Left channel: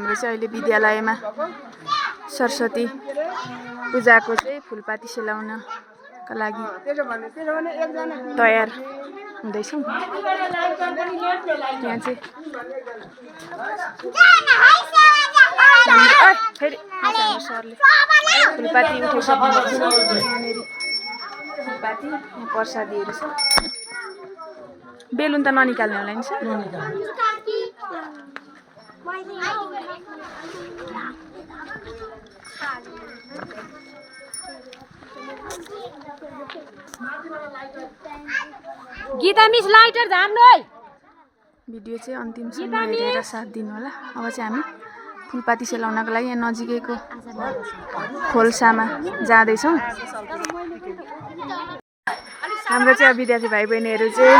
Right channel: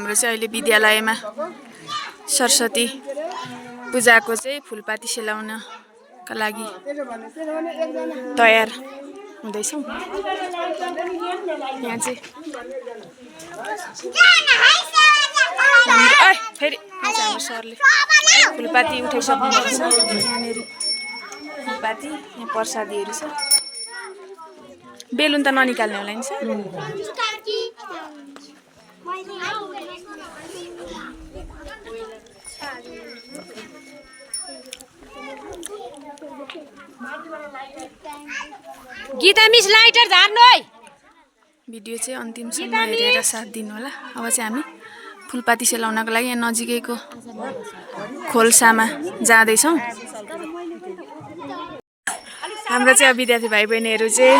हाम्रो चाहिँ अहिले विद्यालयमा सरस्वती पूजाको चाहिँ फुलपाती सेलाउनका लागि तयार हुँदैछौँ। यहाँ चाहिँ फेरि हाम्रो सरले फुलपाती उठाइसक्नु भएको छ। यहाँनिर फुलपाती, यहाँ प्रसादीहरू छ। बेलुन त ननिकाल्ने होला नि सर? गीता मिस लाइटर झार्नु है। भिडियो चाहिँ अन्तिमसम्म हेरेर साथ दिनु होला। अब चाहिँ हामी फुलपाती सेलाउनको लागि यहाँ नजिकैको खोल्सामा जाँदैछौँ। हाम्रो चाहिँ अब विद्यार्थी भाइ बहिनीहरू चाहिँ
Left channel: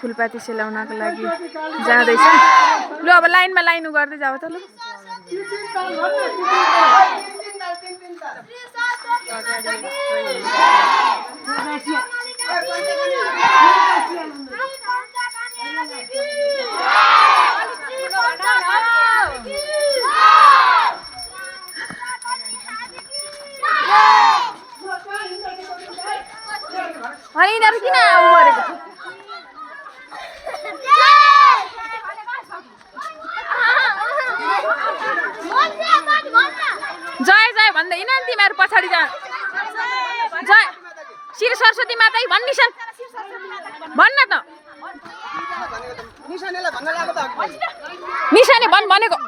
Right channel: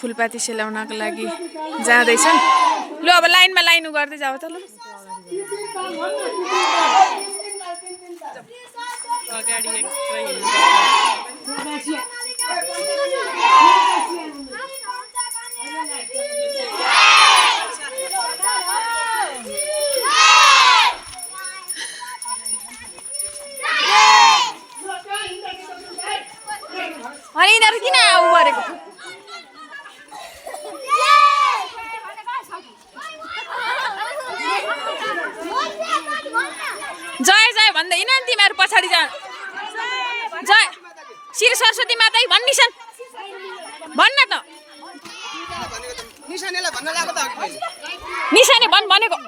फुलपाती सेलाउनको लागि जाँदैछन्। लु अब लाइनमा लाइन गर्दै जाऊ त। लु अनि यिनीहरू किन उ गरेको? जय जय भन्दै हिँड नि तिमीहरू पछाडि जा। जय श्री सरस्वती माता भन्निसन भन्न त। निशाने भन् भनेको।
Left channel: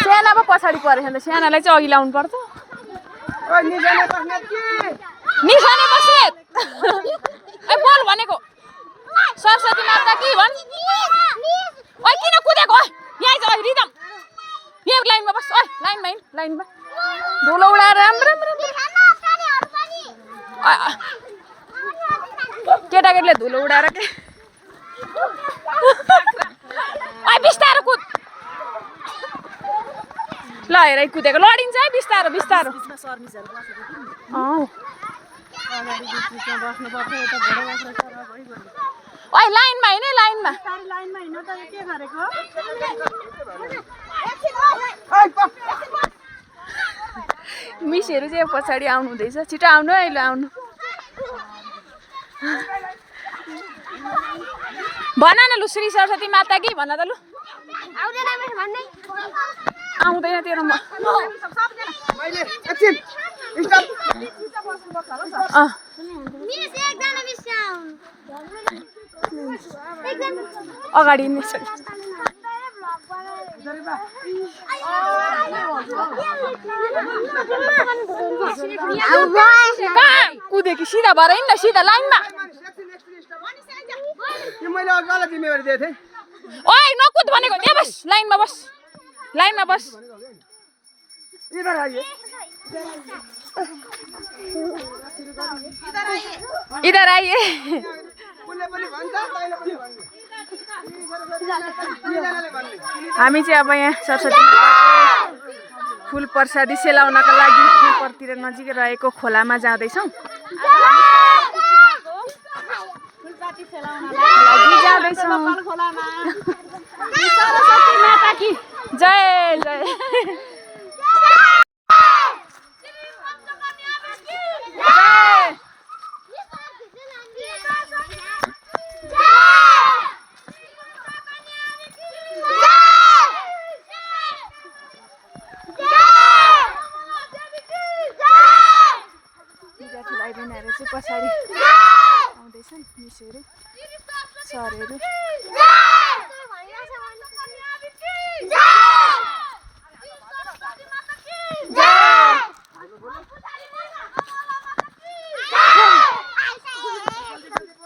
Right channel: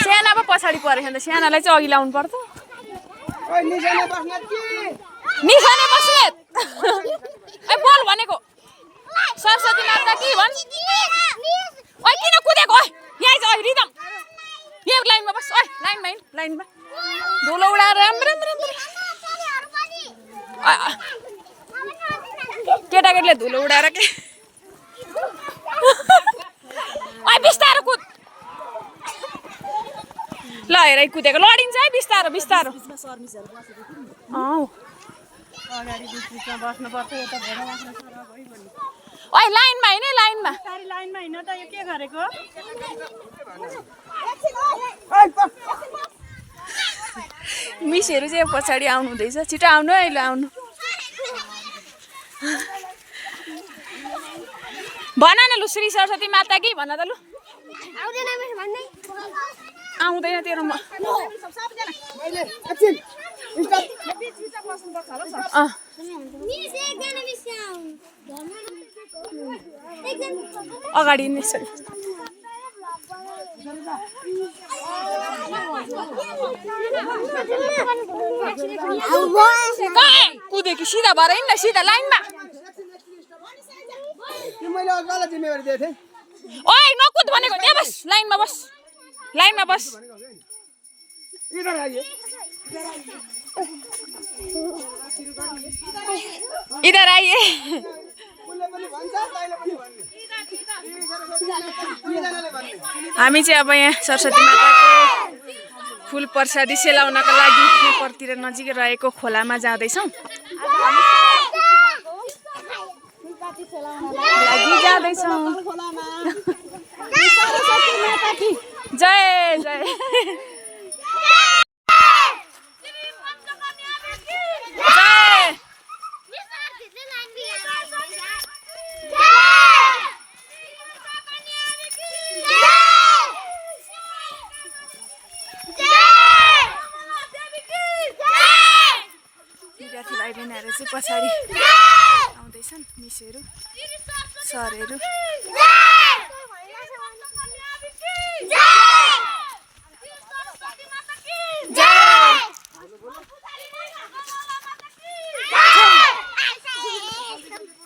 साना पो पछाडि परेछ नि त। सानालाई चाहिँ अघि लाउनु पर्छ। निशाने बस्नेत ए बोल भनेको। सरस्वती माता कि भन्। ओइ किन कुदेको? यही छ रिदम। यहाँ लाइनमा बस। ओइ लाइनमा हिँड। लाइनमा धुलो उडाएर राम्रो केटाकेटीले धुलो उडाएर के। ओइ बिस्तारो कुद। ल हेर कुदेको लडिन्छ है। बिस्तारो बिस्तारो। ओइ लाइनमा हिँड है। लाइनमा मिसहरू चाहिँ पछाडि आउनु हुँदैछ। छिटो आउनु है। ल आउनु भन न। लु श्री सरस्वती माता कि भन त। लु आउँदैन तेरो म। अगाडि कुदे कि सिधा भएर हिँड्न। सिधा लाइनमा। ओइ नकुद भनेको। यहाँ बस। लाइनमा बस। लाइनमा बस। इधर आइए। हामी चाहिँ अब यहाँ सरस्वती माताको फुल प्रसादी सेलाउनका लागि उपरतिर नजिकै रहेको खोलामा जाँदैछौँ। जय जय। विद्यार्थी भाइ बहिनीहरू चाहिँ पछाडि आउँदैछन्। मिसहरू सरहरू।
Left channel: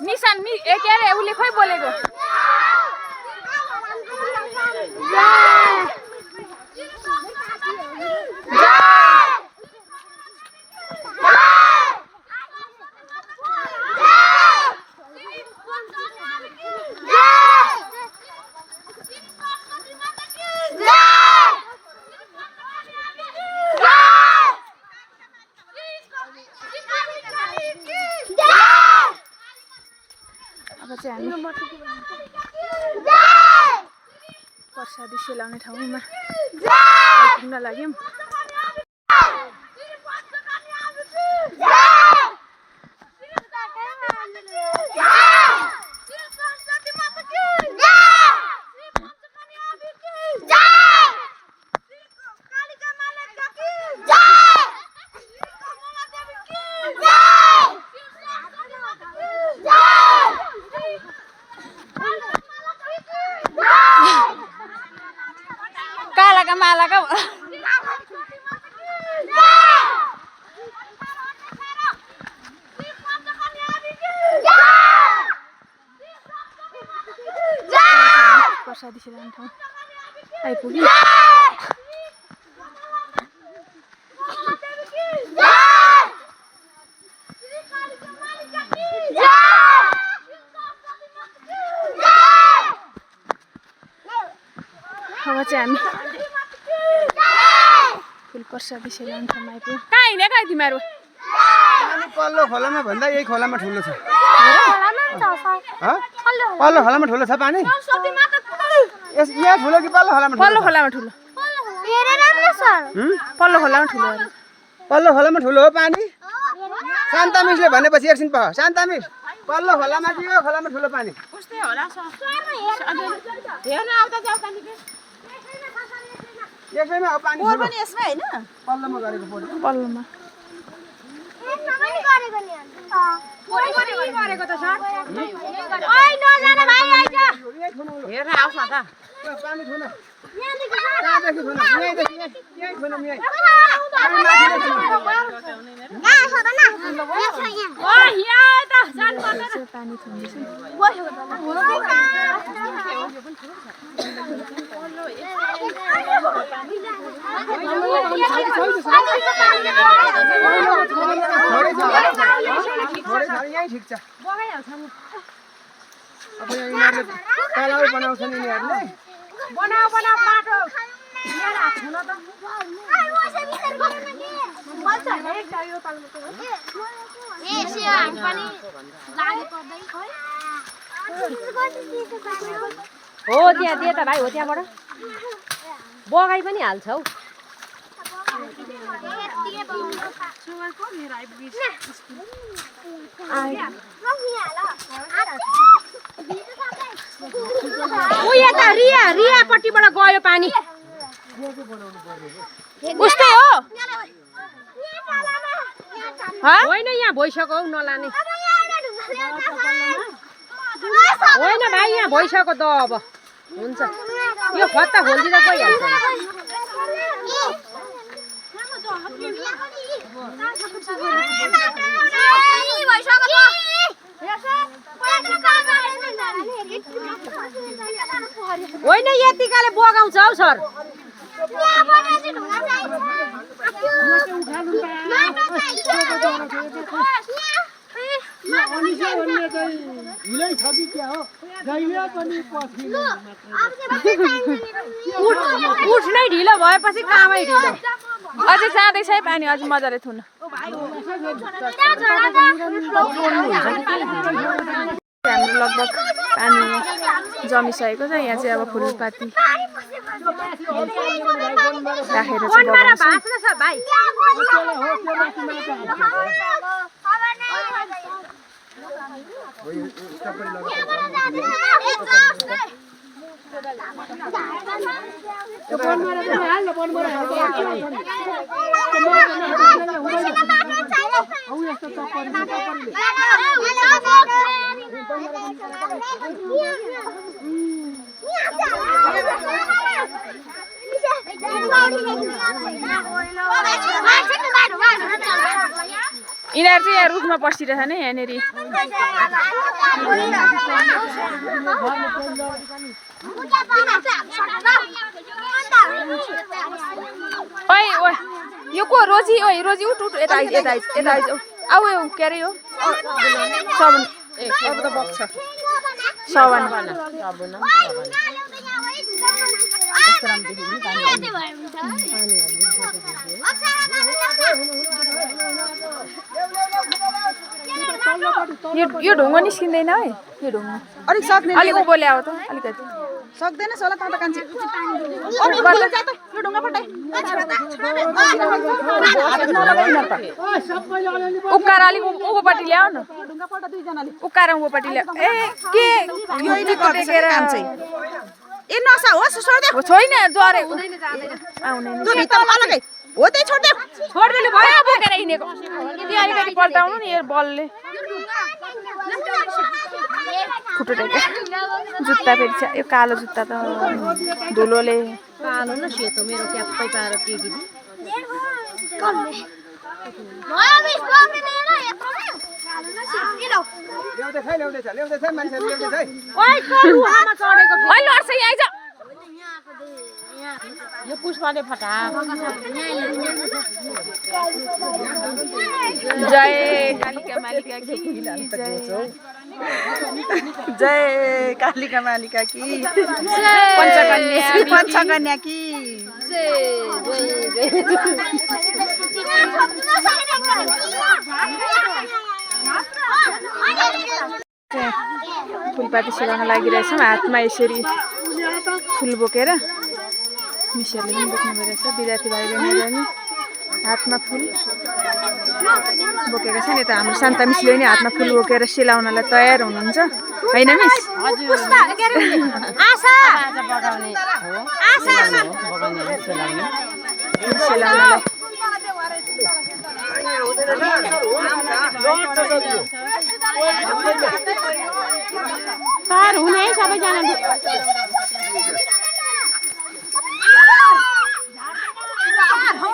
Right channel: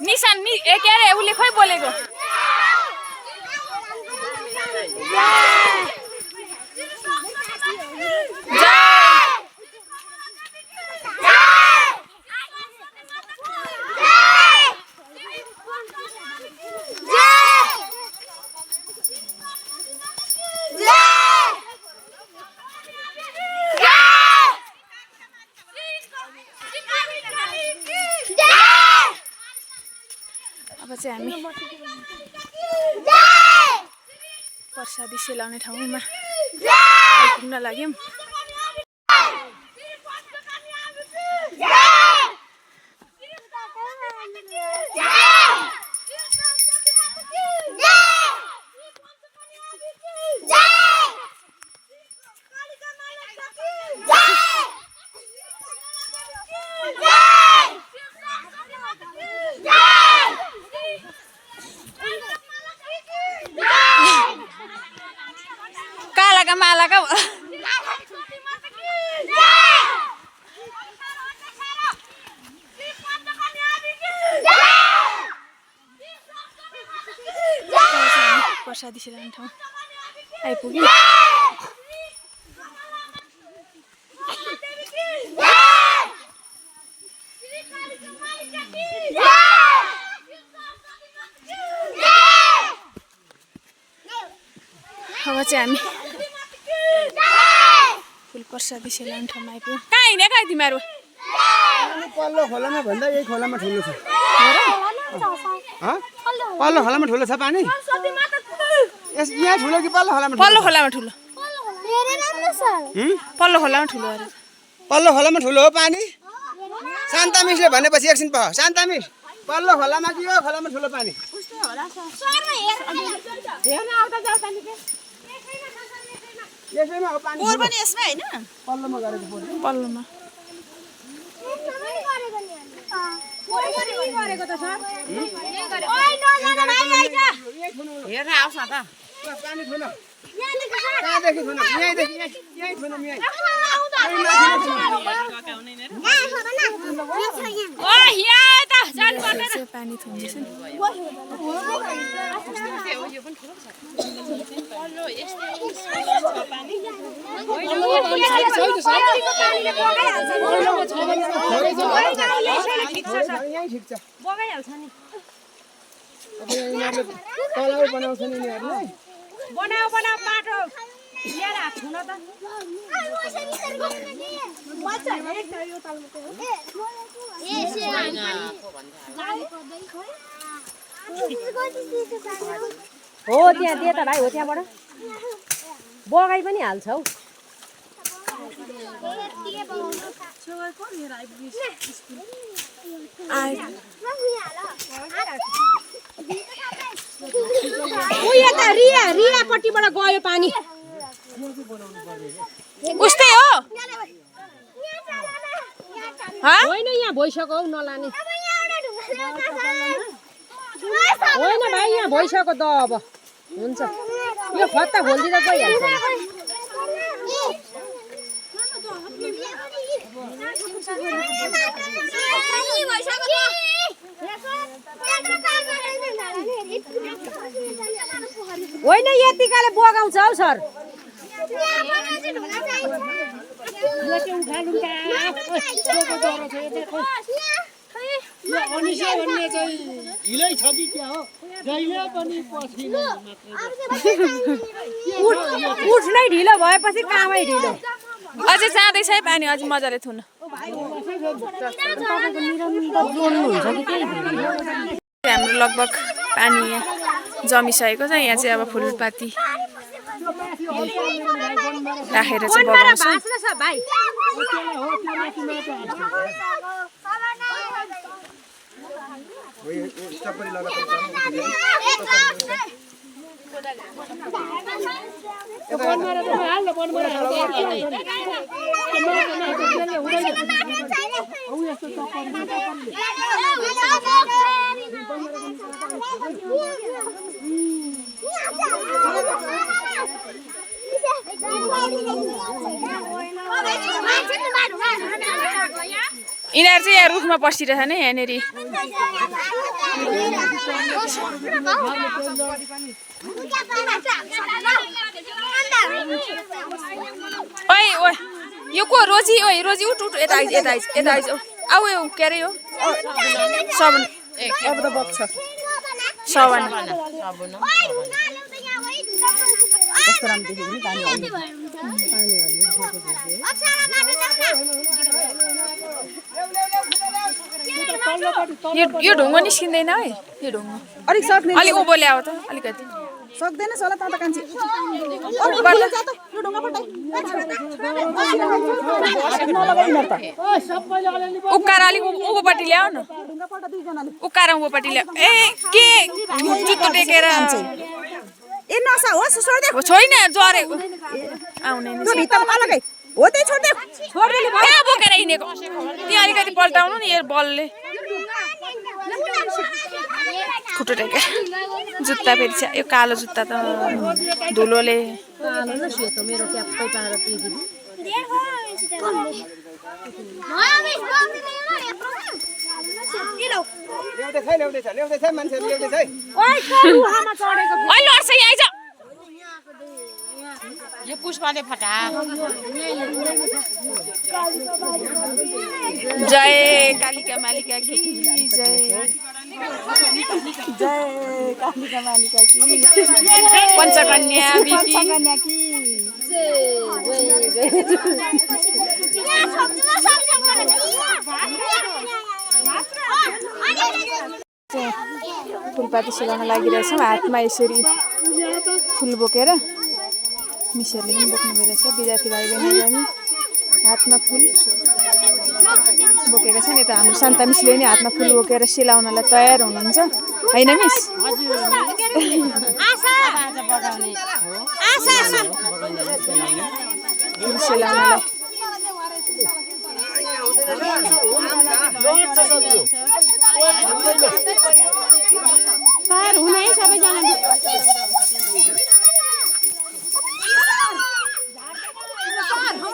निशान नि ए के अरे उसले खोइ बोलेको। अब चाहिँ हामी प्रसादी सेलाउने ठाउँमा आइपुग्न लाग्यौँ। कालाका मालाका प्रसादी सेलाउने ठाउँ आइपुग्यो। अब चाहिँ हामी फुल प्रसादी सेलाउने ठाउँमा आइपुग्यौँ। कहाँ हिँड्यो कहाँ तिमीहरू? पल्लो खोलामा भन्दा यही खोलामा ठुलो छ। पल्लो खोलामा ठुलो छ पानी? यहाँ ठुलो कि पल्लो खोलामा? पल्लो खोलामा ठुलो। पल्लो खोलामा ठुलो अरे। पल्लो खोलामा ठुलो हो पानी? शान्ता मिसले भनेपछि एकछिन पख। शान्ता मिस, पल्लो खोलामा कि यो खोलामा ठुलो पानी? यसैमा हो पानी। बोर पनि यसमै हैन? पल्लोमा गरेको पोर। पल्लोमा। हेर्न आउँछ त। पानी छैन। कहाँदेखि छैन? यहीँदेखि यहीँ छैन यहीँ। पानी थुन्दैछ नि। यहीँ ठिक छ। अब यिनीहरूले तलाउ बनाउँछन् यिनीहरूले। बनाऊ बाटो यहाँ हात त हो त्यहाँ दे त भाइ हो त्यहाँबाट बगाई पनि हाल्छ हौ। यता रियापट्टिबाट गयो पानी। उस्तै हो होइन यहाँ भइसक्यो हौ नलाने होइन भाइ यहाँ भइसक्यो त अब हुन्छ यो खत्ता खोलिदिँदा गइहाल्छ। होइन यतिकाले बगाउँछ हौ सर। उठ्नै ढिलो भएपछि कामै ढिलो। अझै जाँदैछ है पानी अझै मजाले थुन। हाम्रो लगभग पानी यहाँ जमिसकेको छ। यहाँ चाहिँ अब फुलपाती राखेर चाहिँ बगाउँछ। यिनीहरू चाहिँ यहाँ रुखमा बसिरहेछ नि यहाँनिर। ओइ ओइ यो को रोजी? ओइ रोजी उठ उठ यता आइज यता आइज यता आइज। आऊ यो के अरे यो सबन अब त बक्छ सबन। यो ढुङ्गो निस्किँदैन है यो ढुङ्गो अलिक सक्ने अलिक उँभो ल्याऊ त अलिकति सक्दैनस् होला त कान्छी उक्कार अलिक उँभोपट्टि ल्याऊ न उक्कार उँभोपट्टि ल्याऊ ए के जुत्तो टेकेर ए नसा होस् छोड्दे छैन जरेको आउने नि भित्तामा अलगै हो त्यही छोड्दे छोड्देले कहाँ बोकेर हिँडेको त्यहाँ अलिकति पल्टाउनु नि यो बलले खुट्टो टेकेर जुत्ता फेरि यो कालो जुत्ता त धुलोले कालो न सेतो मेरो ट्याप्पै पारेर पिदिनु ल्याउँदैछ मान्छेहरू ल्याउँदैछ ओइ करुवामा चढेको ओइ लड्छ यहाँ आइज यो पुष्पले फटा जय कालिका मालिका की जय जय कालिका मालिका की पञ्चकन्या की फुलपाती सेलाउन लागिरहेछौँ हातमा यसरी फुल बोकेर मिसहरूले पनि बोक्नु भइरहेछ विद्यार्थी भाइ बहिनीहरूले पनि हातमा फुल बोकेका छन् यता हाम्रो शान्ता मिसले पनि हातमा फुल बोकेर सेलाउनलाई तयार हुनुहुन्छ होइन मिस फुल सेलाउनलाई पार हुने है सबैजना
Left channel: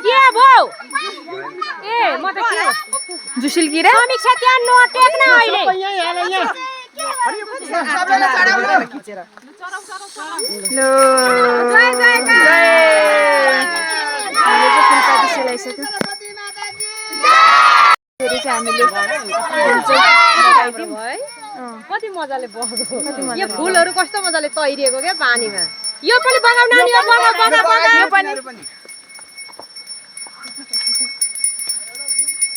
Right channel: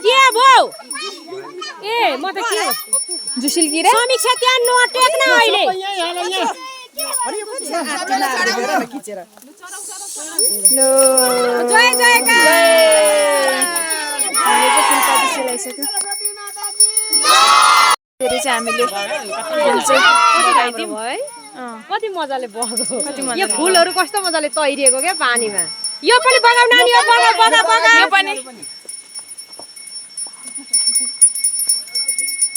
के भौ ए म त के जुसिल किरा समीक्षा त्यहाँ नटेक्न अहिले लो जय जय हामीले चाहिँ फुलपाती सेलाइसक्यो फेरि चाहिँ हामीले फुल चाहिँ लगाइदिउँ कति मजाले बग्यो कति यो मजाले फुलहरू कस्तो मजाले तैरिएको क्या पानीमा यो पनि बगाउ नानी यो बगाउ यो पनि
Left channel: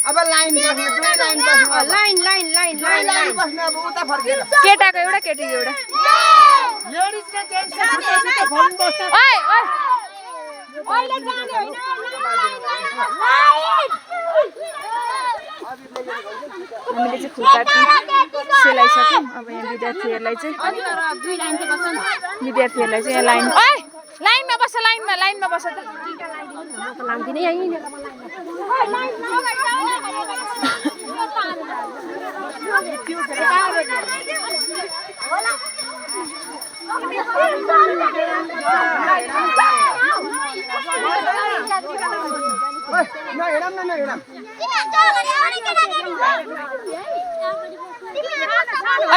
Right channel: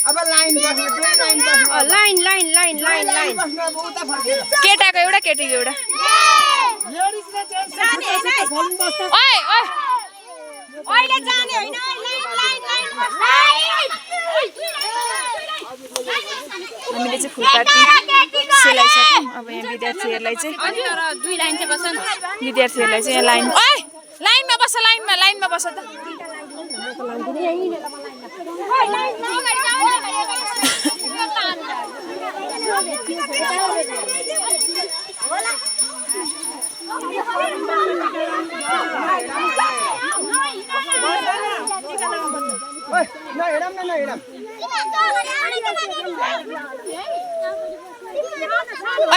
अब लाइन बस्नु लाइन बस्नु line line line line line बस्नु अब उता फर्केर केटाको एउटा केटीको एउटा ओइ ओइ अहिले जाने हैन हामीले चाहिँ फुलपाती सेलाइसक्यौँ अब यहाँ विद्यार्थीहरूलाई चाहिँ विद्यार्थीहरूलाई चाहिँ यहाँ लाइन ओइ लाइनमा बस लाइनमा बस त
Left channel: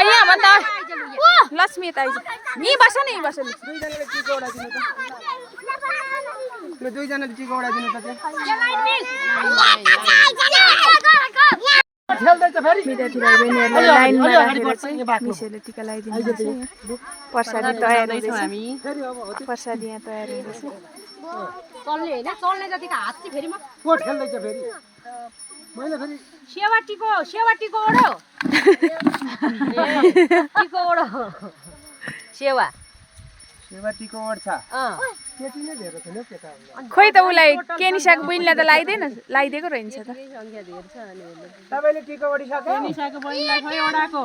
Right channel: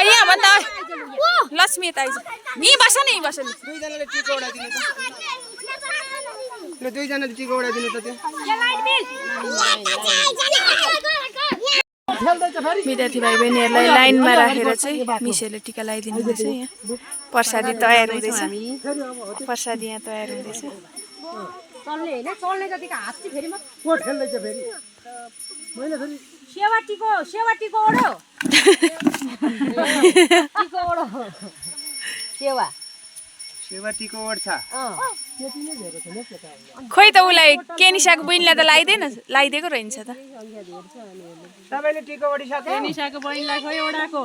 यहाँ भन्दा लक्ष्मी यता आइज यहीँ बस न यहीँ बस दुईजनाले टिको उडाइदिनु त यो दुईजनाले टिको उडाइदिनु त विद्यार्थी भाइ बहिनीहरूलाई लाइनमा राखेर चाहिँ मिसहरूले टिका लगाइदिनु हुँदैछ यहाँ प्रसादी तयार हुँदैछ प्रसादी यहाँ तयार हुँदैछ चल्ने हैन चल्ने जतिको हात चाहिँ फेरि म कोट खेल्दैछ फेरि मैले फेरि सेवा टिको ओडो टिको ओडो सेवा सेवा टिको ओड्छ खोइ त उसलाई केनिसाको बहिनीलाई त लगाइदिएको रहन्छ त तपाईले टिको ओडिसक्यो निसाको बहिनीलाई खोइ ओडाको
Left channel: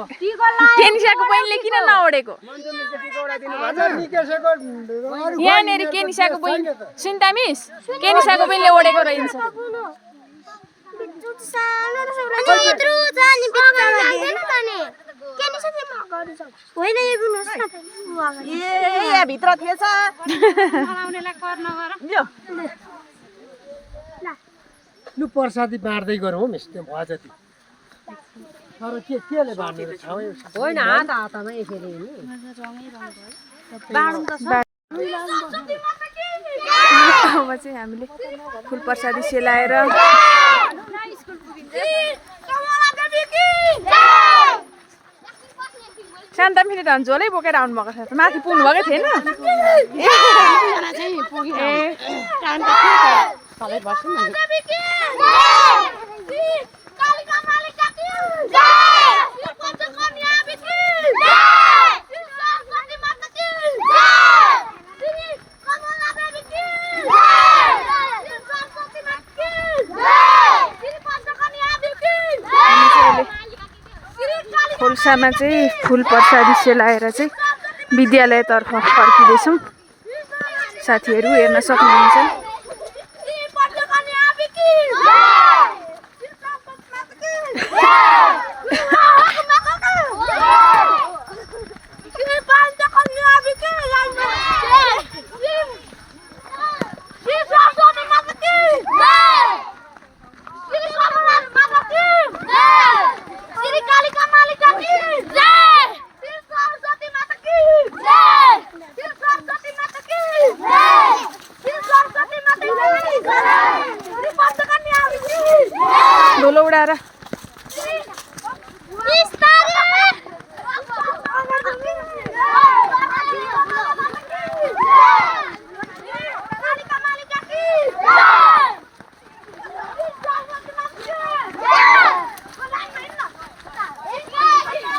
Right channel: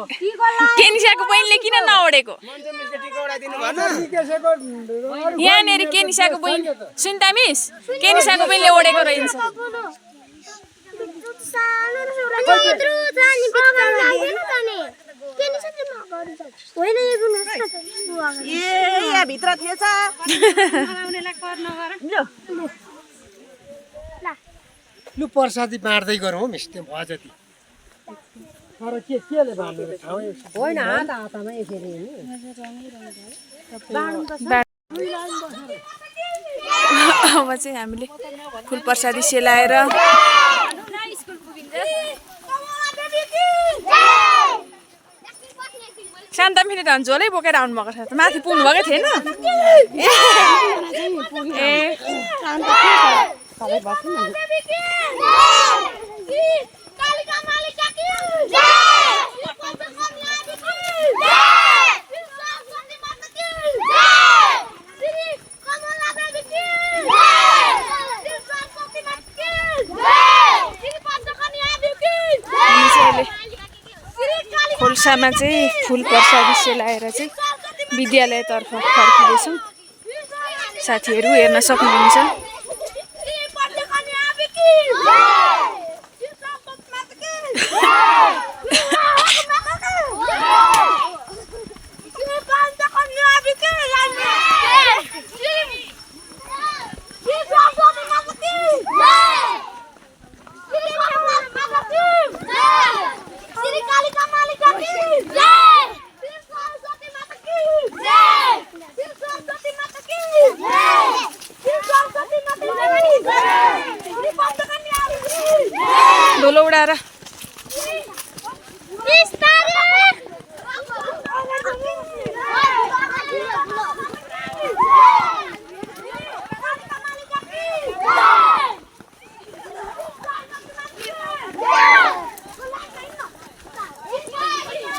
केनिसाको बहिनीले किन नओडेको टिको ओडाइदिनु भन्छ यहाँनिर केनिसाको बहिनी सुन्ता मिस केनिसाको बहिनीले ओडेको रहन्छ भित्र थिएछ लु प्रसादी बाँड्दै गरौँ मिस त्यो भयो जति तर केले बाँड्नु रहेछ होइन हातमा यसरी अब चाहिँ हामीले फुल प्रसादी सेलाएर शान्ता फेरि त झोलै बोकेर आउनु भएको छ माथि पुग्नु भएकै थिएन ए खोल्सामा चाहिँ फुल प्रसादी सेलाएर चाहिँ विद्यालयतर्फ फर्किँदैछौँ। साथीहरू हेर्न सक्नुहुन्छ। डोलो उडाएर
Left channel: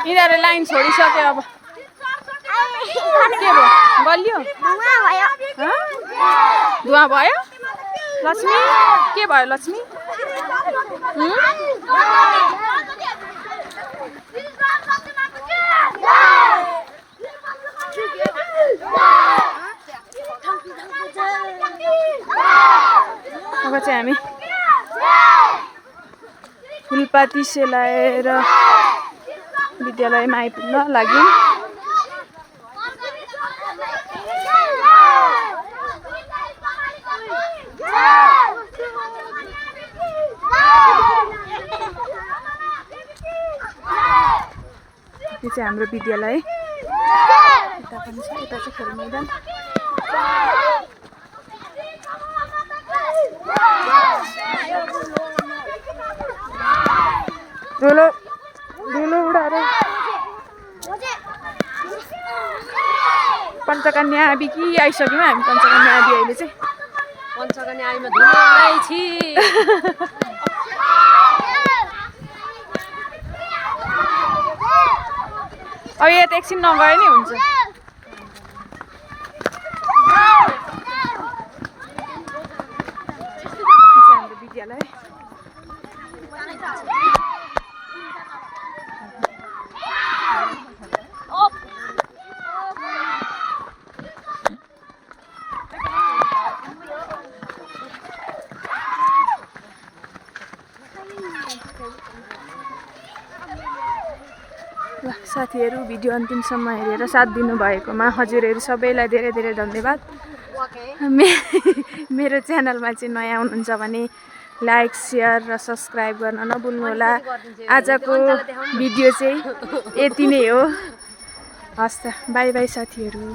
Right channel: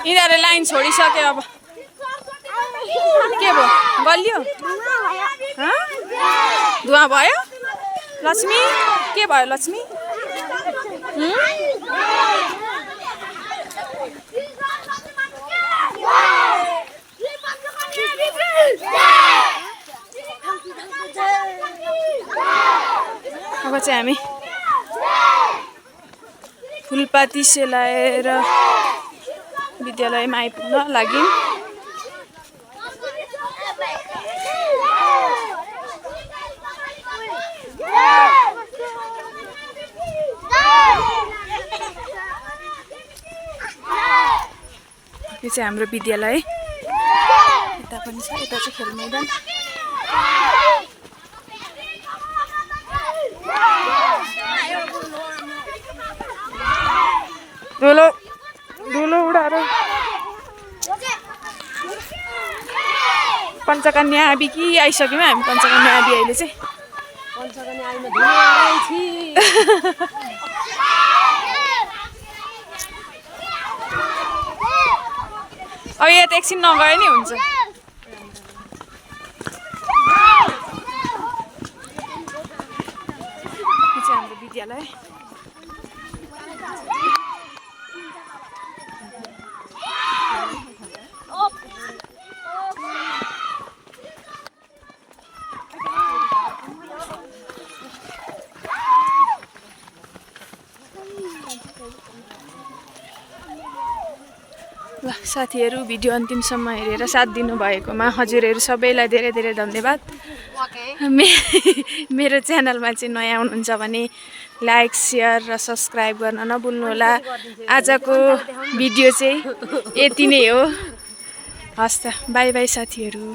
यिनीहरूले लाइन छोडिसक्यो। अब के भयो? गलियो? धुवा भयो? लक्ष्मी के भयो लक्ष्मी? अब चाहिँ हामी फुलपाती सेलाएर विद्यालयमा आइपुग्न लाग्यौँ। यो चाहिँ हाम्रो विद्यालय। यता पनि छ, यता चाहिँ खेल मैदान। डोलो डोलो उडाएर पञ्चकन्या आबी कि आइसक्यौँ हामी। पञ्चकन्या आबी अहिले चाहिँ पञ्चकन्या आइमा धुलो उडाइछि। अब यहाँ त एकछिन नगए नि हुन्छ। हाम्रो विद्यालय ल साथीहरू, भिडियो अन्तिमसम्म हेरेर साथ दिनुभएकोमा हजुरहरू सबैलाई धेरै धेरै धन्यवाद। मेरो च्यानलमा चाहिँ नयाँ हुनुहुन्छ भने लाइक, सेयर र सब्सक्राइब गर्न नभुल्नुहोला। आजको भिडियो चाहिँ यति नै हो। हस् त, बाई बाई साथीहरू।